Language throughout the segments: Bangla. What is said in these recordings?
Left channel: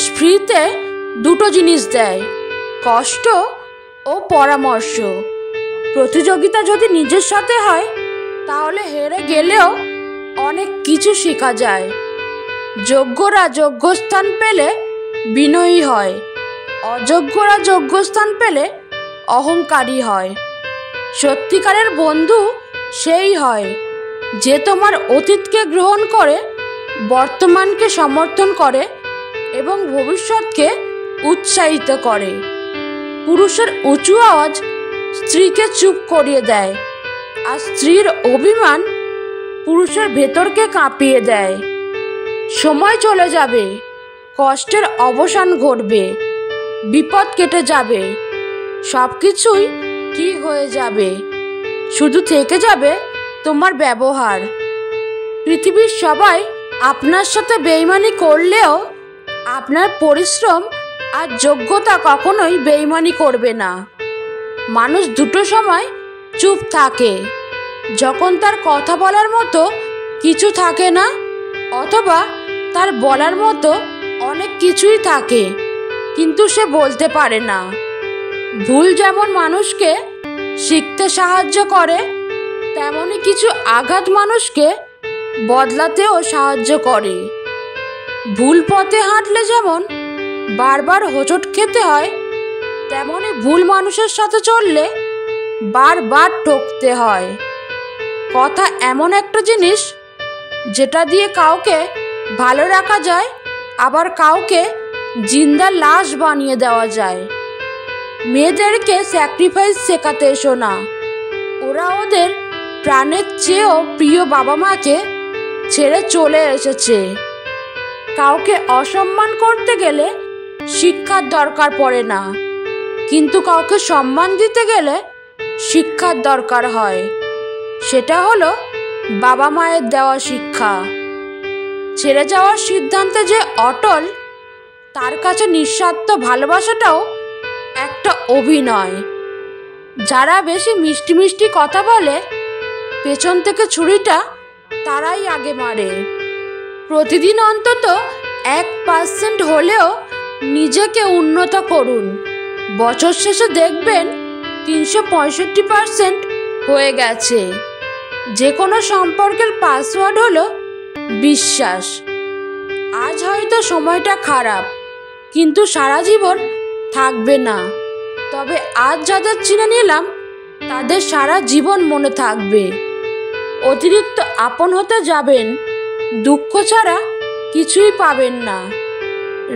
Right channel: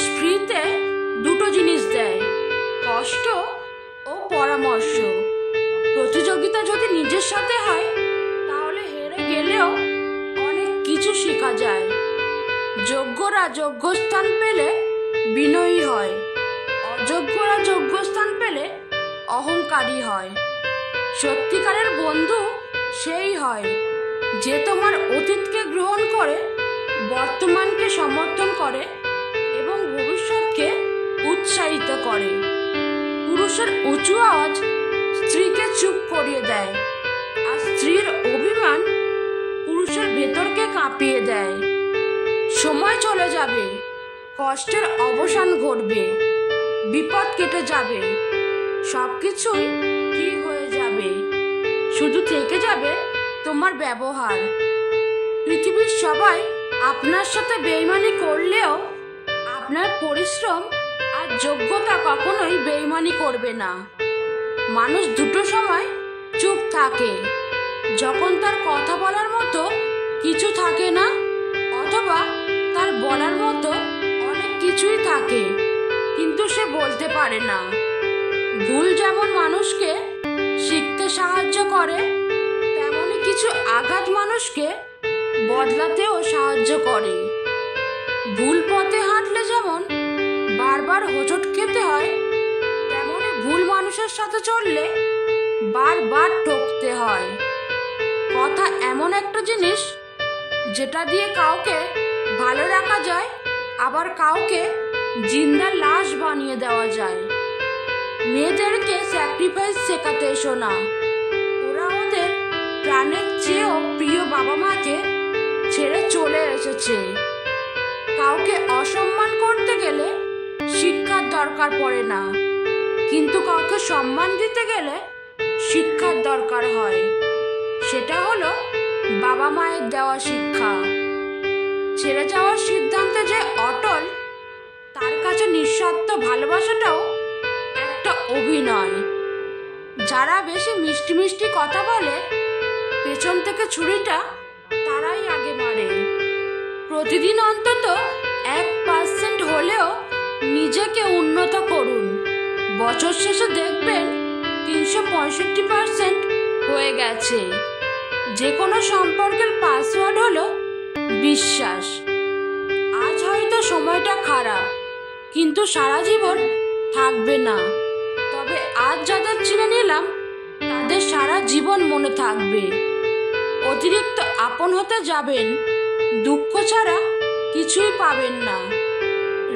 মানুষ ফ্রিতে দুটো জিনিস দেয়, কষ্ট ও পরামর্শ। প্রতিযোগিতা যদি নিজের সাথে হয় তাহলে হেরে গেলেও অনেক কিছু শেখা যায়। যোগ্যরা যোগ্যস্থান পেলে বিনয়ী হয়, অযোগ্যরা যোগ্যস্থান পেলে অহংকারী হয়। সত্যিকারের বন্ধু সেই হয় যে তোমার অতীতকে গ্রহণ করে, বর্তমানকে সমর্থন করে এবং ভবিষ্যৎকে উৎসাহিত করে। পুরুষের উঁচু আওয়াজ স্ত্রীকে চুপ করিয়ে দেয়, আর স্ত্রীর অভিমান পুরুষের ভেতরকে কাঁপিয়ে দেয়। সময় চলে যাবে, কষ্টের অবসান ঘটবে, বিপদ কেটে যাবে, সব কিছুই ঠিক হয়ে যাবে। শুধু থেকে যাবে তোমার ব্যবহার। পৃথিবীর সবাই আপনার সাথে বেইমানি করলেও আপনার পরিশ্রম আর যোগ্যতা কখনোই বেইমানি করবে না। মানুষ দুটো সময় চুপ থাকে, যখন তার কথা বলার মতো কিছু থাকে না, অথবা তার বলার মতো অনেক কিছুই থাকে কিন্তু সে বলতে পারে না। ভুল যেমন মানুষকে শিখতে সাহায্য করে, তেমনি কিছু আঘাত মানুষকে বদলাতেও সাহায্য করে। ভুল পথে হাঁটলে যেমন বারবার হোঁচট খেতে হয়, তেমনি ভুল মানুষের সাথে চললে বারবার ঠকতে হয়। কথা এমন একটা জিনিস যেটা দিয়ে কাউকে ভালো রাখা যায়, আবার কাউকে জিন্দা লাশ বানিয়ে দেওয়া যায়। মেয়েদেরকে স্যাক্রিফাইস শেখাতে এসো না। ওরা ওদের প্রাণের চেয়েও প্রিয় বাবা মাকে ছেড়ে চলে এসেছে। কাউকে অসম্মান করতে গেলে শিক্ষার দরকার পড়ে না, কিন্তু কাউকে সম্মান দিতে গেলে শিক্ষার দরকার হয়। সেটা হলো বাবা মায়ের দেওয়া শিক্ষা। ছেড়ে যাওয়ার সিদ্ধান্তে যে অটল, তার কাছে নিঃস্বার্থ ভালোবাসাটাও একটা অভিনয়। যারা বেশি মিষ্টি মিষ্টি কথা বলে, পেছন থেকে ছুরিটা তারাই আগে মারে। প্রতিদিন অন্তত 1% হলেও নিজেকে উন্নত করুন। বছর শেষে দেখবেন 365% হয়ে গেছে। যে কোনো সম্পর্কের পাসওয়ার্ড হলো বিশ্বাস। আজ হয়তো সময়টা খারাপ, কিন্তু সারা জীবন থাকবে না। তবে আজ যাদের চিনে নিলাম তাদের সারা জীবন মনে থাকবে। অতিরিক্ত আপন হতে যাবেন, দুঃখ ছাড়া কিছুই পাবেন না।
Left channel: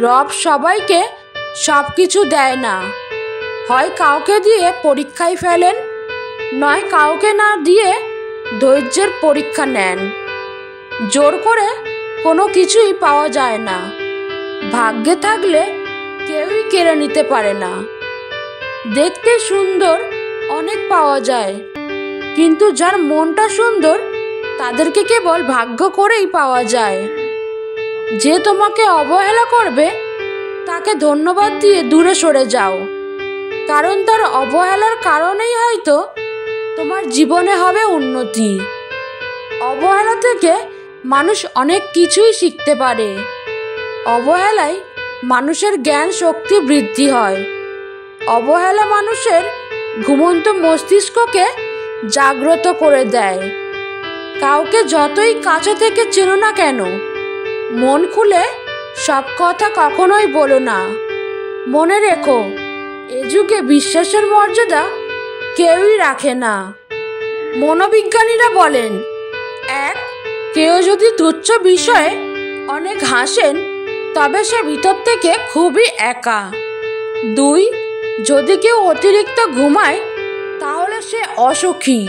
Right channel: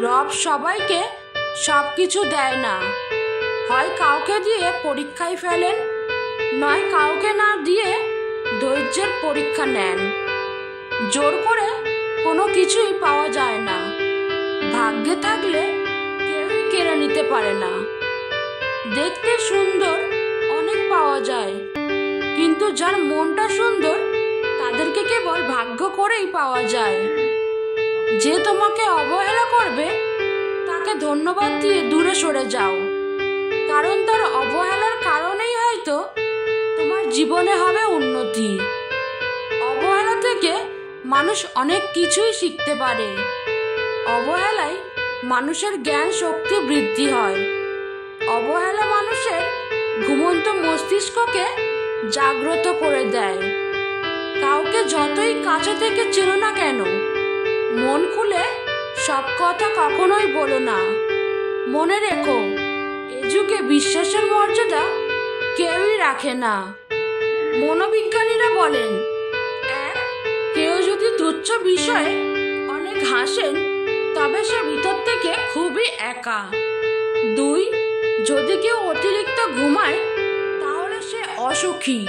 রব সবাইকে সব কিছু দেয় না। হয় কাউকে দিয়ে পরীক্ষায় ফেলেন, নয় কাউকে না দিয়ে ধৈর্যের পরীক্ষা নেন। জোর করে কোনো কিছুই পাওয়া যায় না। ভাগ্যে থাকলে কেউই কেড়ে নিতে পারে না। দেখতে সুন্দর অনেক পাওয়া যায়, কিন্তু যার মনটা সুন্দর তাদেরকে কেবল ভাগ্য করেই পাওয়া যায়। যে তোমাকে অবহেলা করবে তাকে ধন্যবাদ দিয়ে দূরে সরে যাও, কারণ তার অবহেলার কারণেই হয়তো তোমার জীবনে হবে উন্নতি। অবহেলা থেকে মানুষ অনেক কিছুই শিখতে পারে। অবহেলায় মানুষের জ্ঞান শক্তি বৃদ্ধি হয়। অবহেলা মানুষের ঘুমন্ত মস্তিষ্ককে জাগ্রত করে দেয়। কাউকে যতই কাছে থেকে চেনো না কেন, মন খুলে সব কথা কখনোই বলো না। মনে রেখো, এ যুগে বিশ্বাসের মর্যাদা কেউই রাখে না। মনোবিজ্ঞানীরা বলেন, 1. কেউ যদি তুচ্ছ বিষয়ে অনেক হাসেন তবে সে ভিতর থেকে খুবই একা। 2. যদি কেউ অতিরিক্ত ঘুমায় তাহলে সে অসুখী।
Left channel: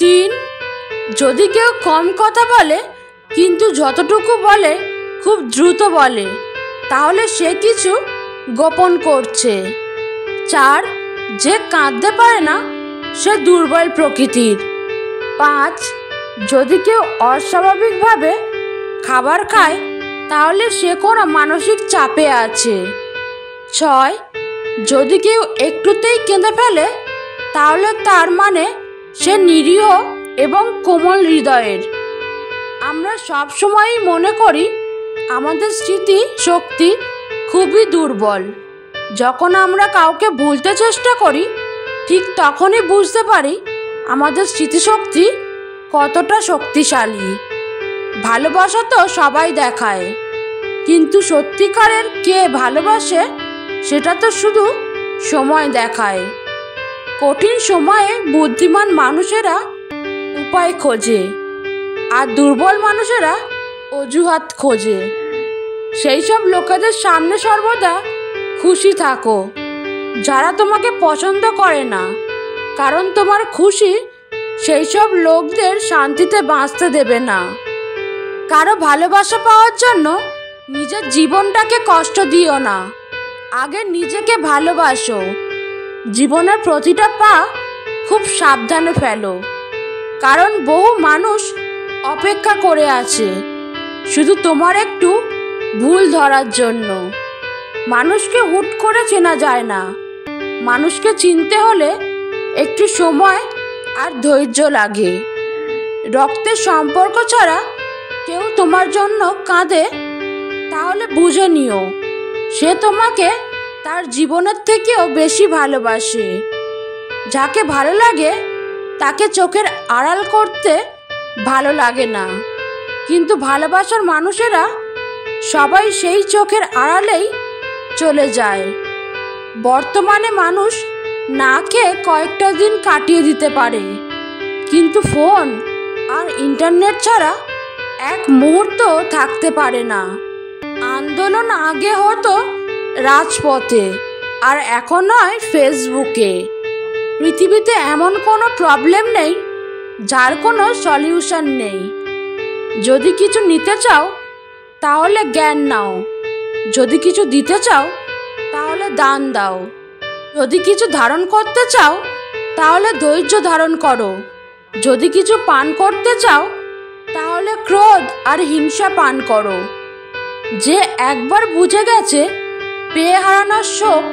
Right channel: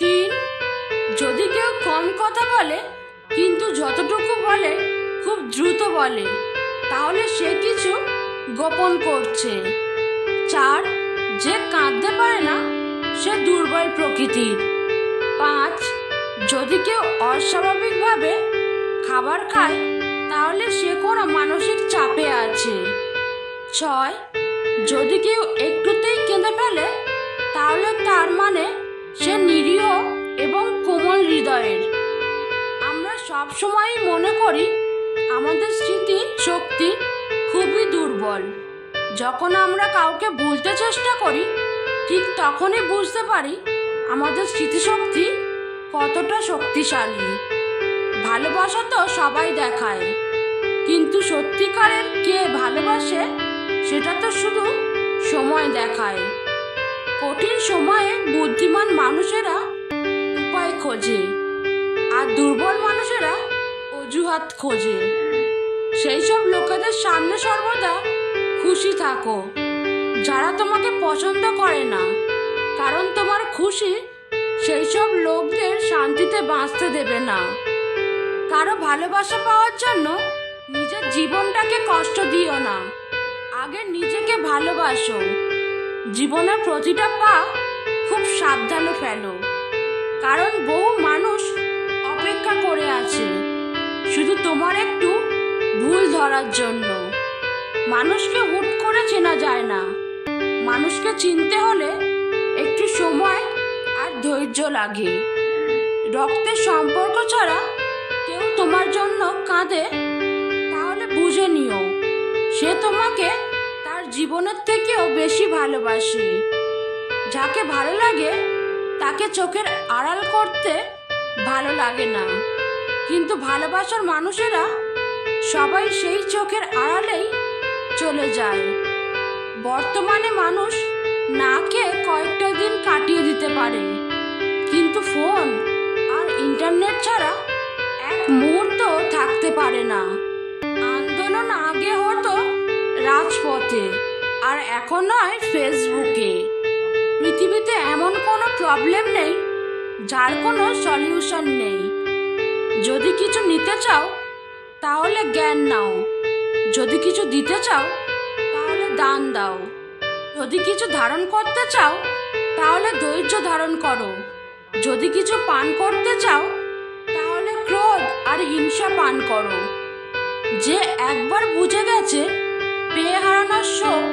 3. যদি কেউ কম কথা বলে কিন্তু যতটুকু বলে খুব দ্রুত বলে, তাহলে সে কিছু গোপন করছে। 4. যে কাঁদতে পারে না সে দুর্বল প্রকৃতির। 5. যদি কেউ অস্বাভাবিকভাবে খাবার খায় তাহলে সে কোনো মানসিক চাপে আছে। 6. যদি কেউ একটুতেই কেঁদে ফেলে তাহলে তার মানে সে নিরীহ এবং কোমল হৃদয়ের। আমরা সব সময়ই মনে করি আমাদের স্মৃতি শক্তি খুবই দুর্বল। যখন আমরা কাউকে ভুলতে চেষ্টা করি, ঠিক তখনই বুঝতে পারি আমাদের স্মৃতিশক্তি কতটা শক্তিশালী। ভালোবাসা তো সবাই দেখায়, কিন্তু সত্যিকারের কে ভালোবাসে সেটা তো শুধু সময় দেখায়। কঠিন সময়ে বুদ্ধিমান মানুষেরা উপায় খোঁজে, আর দুর্বল মানুষেরা অজুহাত খোঁজে। সেই সব লোকেদের সামনে সর্বদা খুশি থাকো যারা তোমাকে পছন্দ করে না, কারণ তোমার খুশি সেই সব লোকদের শান্তিতে বাঁচতে দেবে না। কারো ভালোবাসা পাওয়ার জন্য নিজের জীবনটাকে কষ্ট দিও না, আগে নিজেকে ভালোবাসো। জীবনের প্রতিটা পা খুব সাবধানে ফেলো, কারণ বহু মানুষ অপেক্ষা করে আছে শুধু তোমার একটু ভুল ধরার জন্য। মানুষকে হুট করে চেনা যায় না, মানুষকে চিনতে হলে একটু সময় আর ধৈর্য লাগে। রক্তের সম্পর্ক ছাড়া কেউ তোমার জন্য কাঁদে, তাহলে বুঝে নিও সে তোমাকে তার জীবনের থেকেও বেশি ভালোবাসে। যাকে ভালো লাগে তাকে চোখের আড়াল করতে ভালো লাগে না, কিন্তু ভালোবাসার মানুষেরা সবাই সেই চোখের আড়ালেই চলে যায়। বর্তমানে মানুষ না খেয়ে কয়েকটা দিন কাটিয়ে দিতে পারে, কিন্তু ফোন আর ইন্টারনেট ছাড়া এক মুহূর্ত থাকতে পারে না। আন্দোলন আগে হতো রাজপথে, আর এখন হয় ফেসবুকে। পৃথিবীতে এমন কোনো প্রবলেম নেই যার কোনো সলিউশন নেই। যদি কিছু নিতে চাও তাহলে জ্ঞান নাও, যদি কিছু দিতে চাও তাহলে দান দাও, যদি কিছু ধারণ করতে চাও তাহলে ধৈর্য ধারণ করো, যদি কিছু পান করতে চাও তাহলে ক্রোধ আর হিংসা পান করো। যে একবার বুঝে গেছে পেয়ে হারানোর শোক,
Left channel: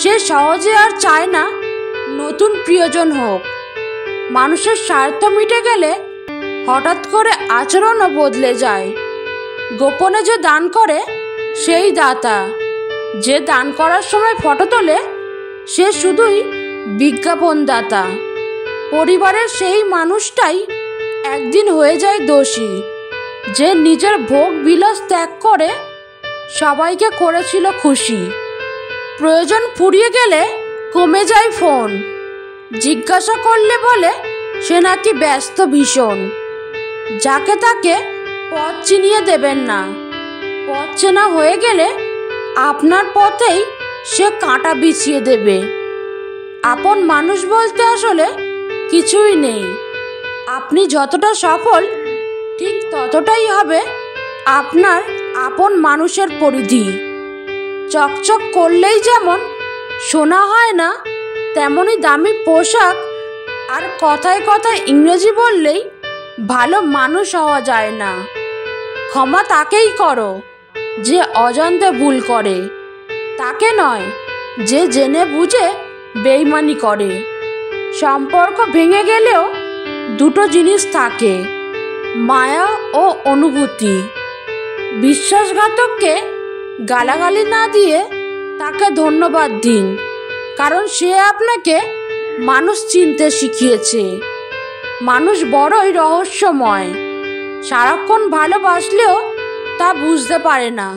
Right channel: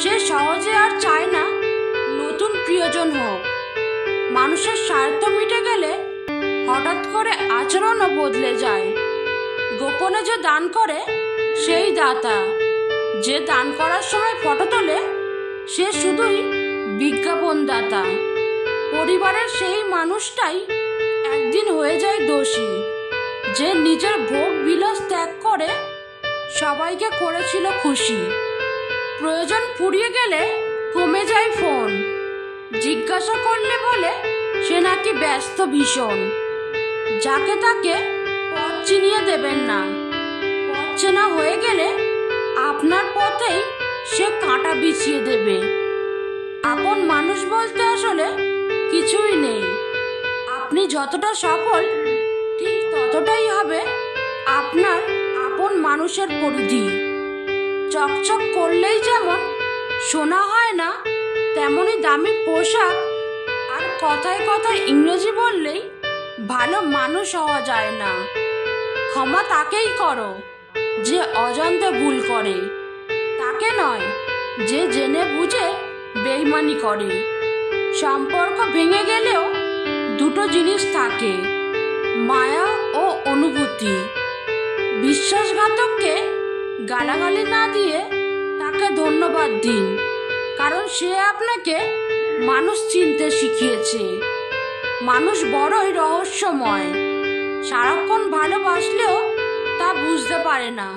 সে সহজে আর চায় না নতুন প্রিয়জন হোক। মানুষের স্বার্থ মিটে গেলে হঠাৎ করে আচরণও বদলে যায়। গোপনে যে দান করে সেই দাতা, যে দান করার সময় ফটো তোলে সে শুধুই বিজ্ঞাপনদাতা। পরিবারের সেই মানুষটাই একদিন হয়ে যায় দোষী, যে নিজের ভোগ বিলাস ত্যাগ করে সবাইকে করেছিল খুশি। প্রয়োজন ফুরিয়ে গেলে কমে যায় ফোন, জিজ্ঞাসা করলে বলে সে নাকি ব্যস্ত ভীষণ। যাকে তাকে পথ চিনিয়ে দেবেন না, পথ চেনা হয়ে গেলে আপনার পথেই সে কাঁটা বিছিয়ে দেবে। আপন মানুষ বলতে আসলে কিছুই নেই। আপনি যতটা সফল ঠিক ততটাই হবে আপনার আপন মানুষের পরিধি। চকচক করলেই যেমন শোনা হয় না, তেমনি দামি পোশাক আর কথায় কথায় ইংরেজি বললেই ভালো মানুষ হওয়া যায় না। ক্ষমা তাকেই করো যে অজান্তে ভুল করে, তাকে নয় যে জেনে বুঝে বেইমানি করে। সম্পর্ক ভেঙে গেলেও দুটো জিনিস থাকে, মায়া ও অনুভূতি। বিশ্বাসঘাতককে গালাগালি না দিয়ে তাকে ধন্যবাদ দিন, কারণ সে আপনাকে মানুষ চিনতে শিখিয়েছে। মানুষ বড়ই রহস্যময়, সারাক্ষণ ভালোবাসলেও তা বুঝতে পারে না,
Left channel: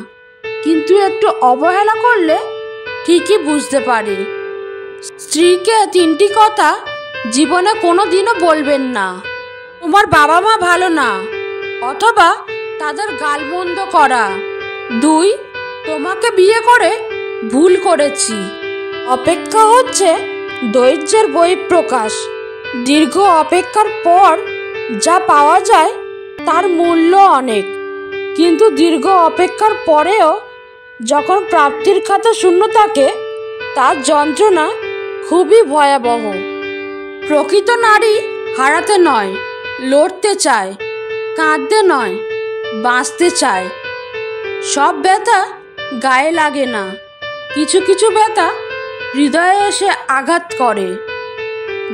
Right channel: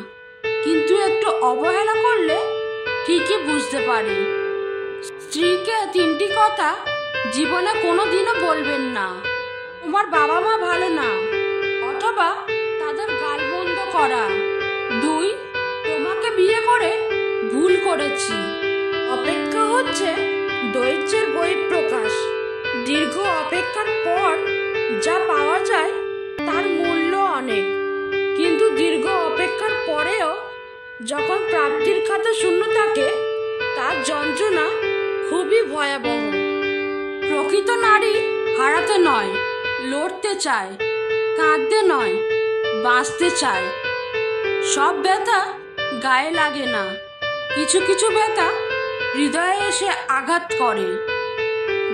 কিন্তু একটু অবহেলা করলে ঠিকই বুঝতে পারে। স্ত্রীকে 3টি কথা জীবনে কোনো দিনও বলবেন না। তোমার বাবা মা ভালো না, অথবা তাদের গালমন্দ করা। 2, তোমাকে বিয়ে করে ভুল করেছি। অপেক্ষা হচ্ছে ধৈর্যের বহিঃপ্রকাশ। দীর্ঘ অপেক্ষার পর যা পাওয়া যায় তার মূল্য অনেক, কিন্তু দীর্ঘ অপেক্ষার পরেও যখন প্রাপ্তির খাতা শূন্য থাকে তার যন্ত্রণা খুবই ভয়াবহ। প্রকৃত নারী হারাতে নয় লড়তে চায়, কাঁদতে নয় বাঁচতে চায়। সব ব্যথা গায়ে লাগে না, কিছু কিছু ব্যথা হৃদয়ে এসে আঘাত করে।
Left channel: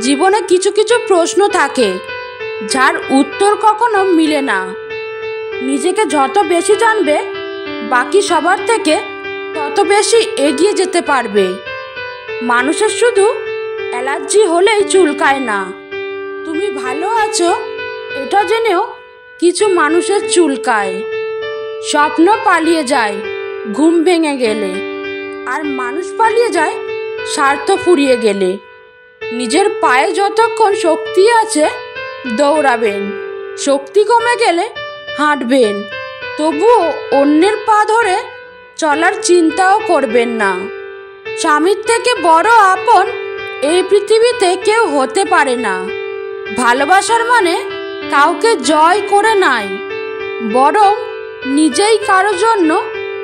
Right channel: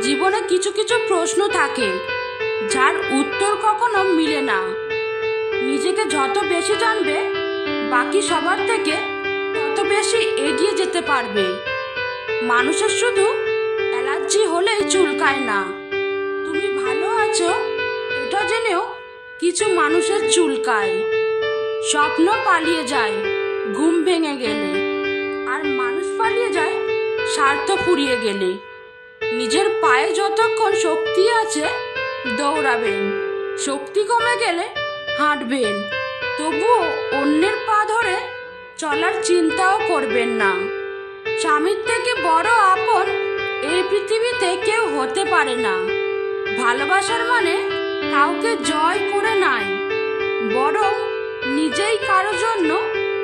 জীবনে কিছু কিছু প্রশ্ন থাকে যার উত্তর কখনো মিলে না। নিজেকে যত বেশি জানবে বাকি সবার থেকে তত বেশি এগিয়ে যেতে পারবে। মানুষের শুধু অ্যালার্জি হলেই চুলকায় না, তুমি ভালো আছো এটা জেনেও কিছু মানুষের চুলকায়। স্বপ্ন পালিয়ে যায় ঘুম ভেঙে গেলে, আর মানুষ পালিয়ে যায় স্বার্থ ফুরিয়ে গেলে। নিজের পায়ে যতক্ষণ শক্তি আছে দৌড়াবেন, শক্তি কমে গেলে হাঁটবেন, তবুও অন্যের পা ধরে চলার চিন্তাও করবেন না। স্বামীর থেকে বড় আপন এই পৃথিবীতে কেউ হতে পারে না। ভালোবাসার মানে কাউকে জয় করে নাই, বরং নিজেই কারো জন্য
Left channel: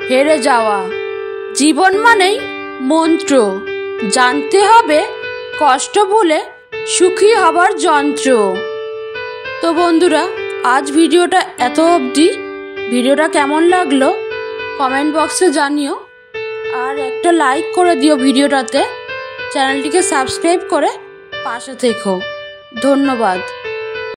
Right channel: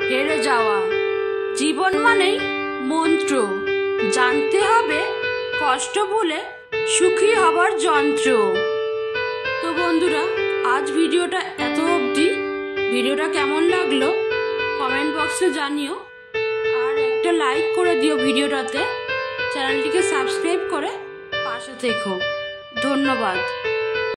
হেরে যাওয়া। জীবন মানেই মন্ত্র, জানতে হবে কষ্ট বলে সুখী হবার যন্ত্র। তো বন্ধুরা, আজ ভিডিওটা এত অবধি। ভিডিওটা কেমন লাগলো কমেন্ট বক্সে জানিও, আর একটা লাইক করে দিও ভিডিওটাতে। চ্যানেলটিকে সাবস্ক্রাইব করে পাশে থেকো। ধন্যবাদ।